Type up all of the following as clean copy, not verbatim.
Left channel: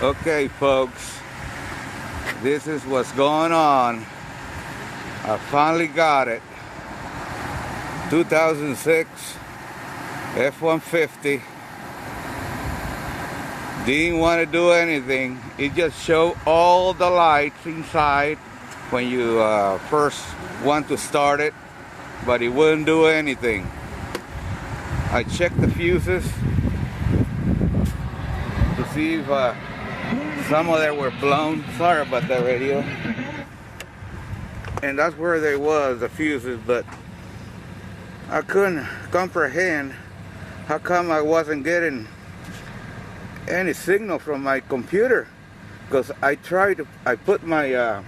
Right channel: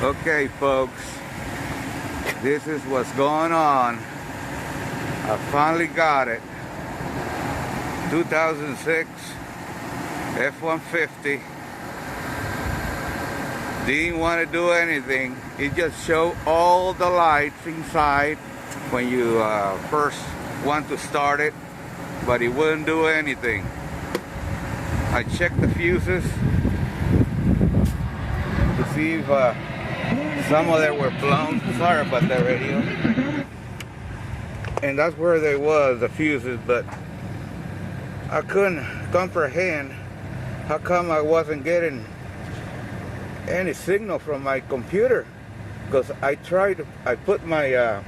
Okay, folks, this is what's going on. I finally got it. 2006 F-150. Didn't want to do anything. It just showed all the lights inside when you first want to start it, but it wouldn't do anything. I checked the fuses to see if some of them were blown. Sorry about that, radio. And that's where they was, the fuses, but I couldn't comprehend how come I wasn't getting any signal from my computer, because I put my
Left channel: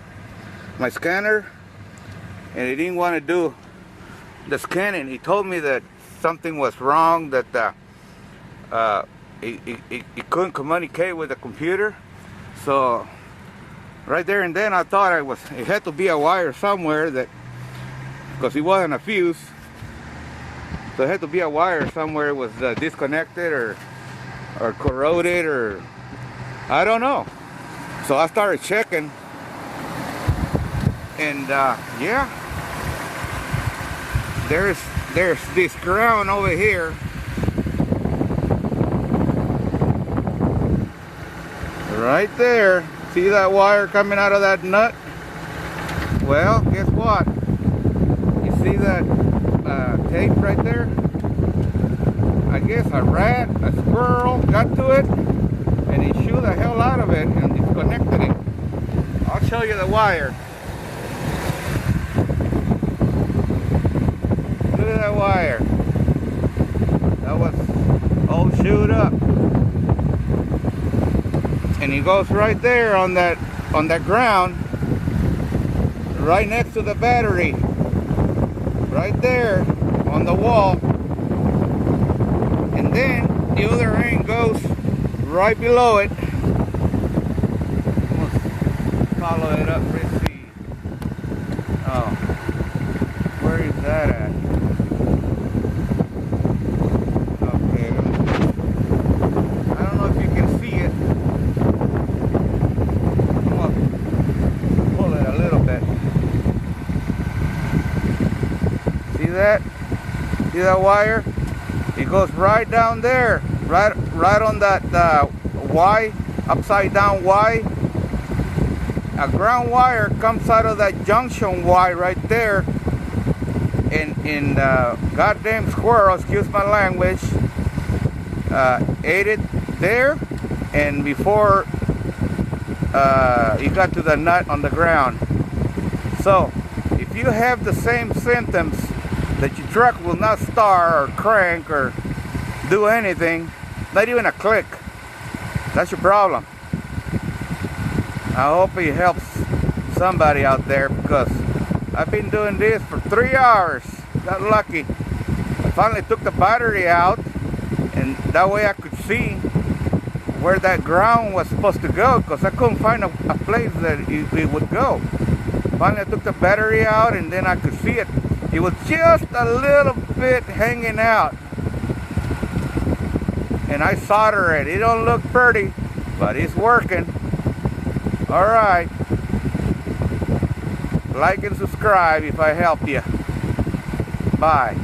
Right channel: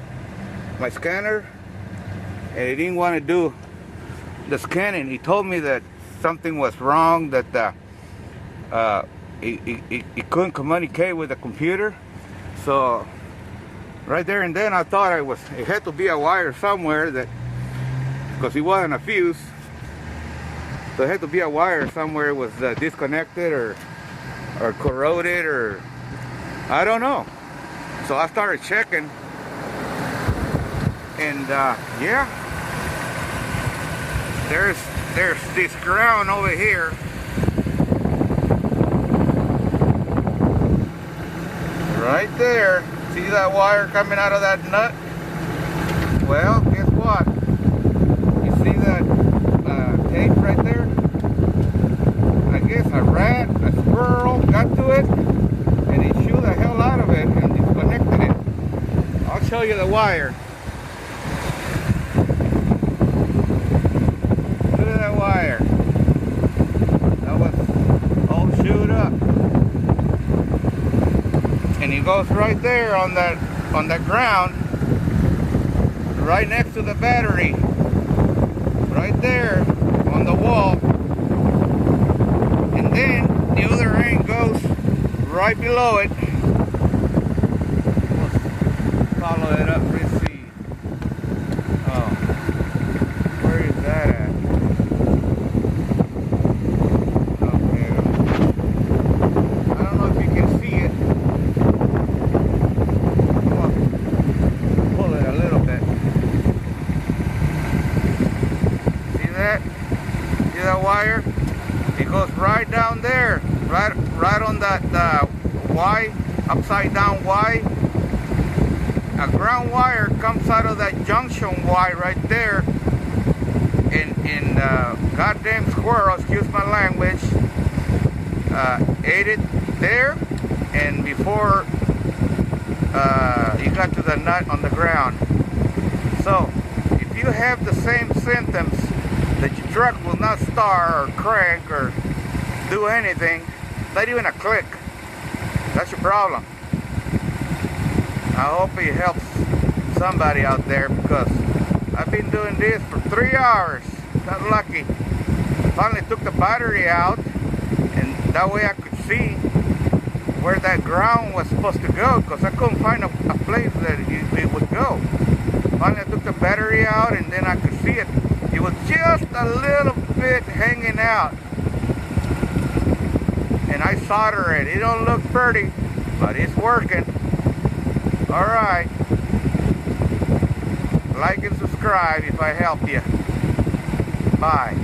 my scanner and it didn't want to do the scanning. He told me that something was wrong, that it couldn't communicate with the computer. So right there and then I thought it had to be a wire somewhere, that because it wasn't a fuse, so it had to be a wire somewhere. It was disconnected or corroded, or I don't know. So I started checking, and yeah, there's this ground over here. Right there. See that wire coming out of that nut? Well, guess what? You see that tape right there? I guess a rat, a squirrel got to it, and he shooed the hell out of it and disconnected it. I'll show you the wire. Look at that wire. That was all chewed up. And he goes right there on that ground, right next to the battery, right there on the wall. And then the other end goes right below it. Let's follow it up. Let's see. Oh, where is that at? Okay, I don't know if you can see it. Pull it a little bit. See that? See that wire? It goes right down there, right on that Y, upside down Y. A ground wire comes out of that junction Y right there, and goddamn squirrel, excuse my language, ate it there, and before you got to the nut on the ground. So if you have the same symptoms, that your truck will not start or crank or do anything, not even a click, that's your problem. I hope it helps somebody out there, because I've been doing this for 3 hours. Got lucky. I finally took the battery out, and that way I could see where that ground was supposed to go, because I couldn't find a place that it would go. Finally I took the battery out, and then I could see it. It was just a little bit hanging out, and I solder it. It don't look pretty, but it's working. All right, like and subscribe if I help you. Bye.